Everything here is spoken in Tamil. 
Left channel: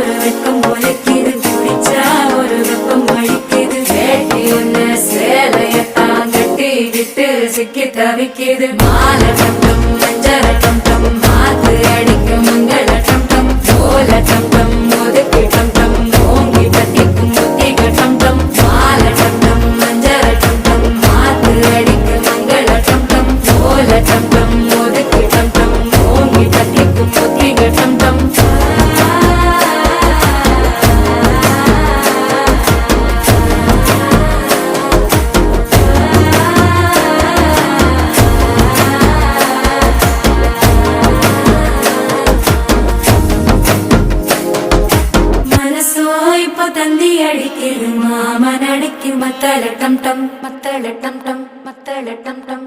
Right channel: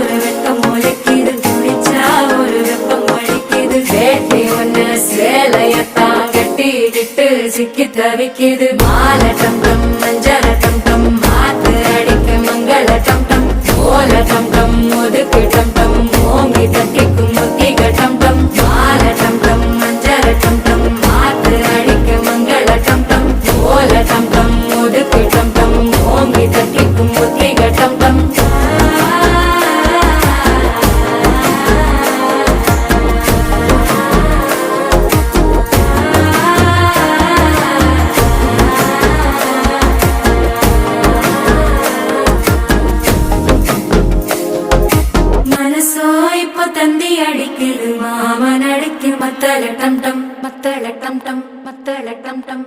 ஒரு வெக்கம் முளைக்குது, குடிச்சா ஒரு வெப்பம் வலிக்குது. வேட்டி ஒண்ணு சேலையத்தான் கட்டிக்கிட்டு சிக்கி தவிக்குது. மாலை டம் டம் மஞ்சள டம் டம் மாத்து அடிக்க மங்கள டம் டம் ஓல டம் டம் ஒதுக்கு டம் டம் ஓங்கி தட்டிக்கும் புத்திக டம் டம். மாலை டம் டம் மஞ்சள டம் டம் மாத்து அடிக்க மங்கள டம் டம் ஓல டம் டம் ஒதுக்கு டம் டம் ஓங்கி தட்டிக்கும் புத்திக டம் டம். மனசோ இப்ப தந்தி அடிக்குது, மாமன் அடிக்கு மத்தள டம் டம் மத்தள டம் டம் மத்தள டம் டம்.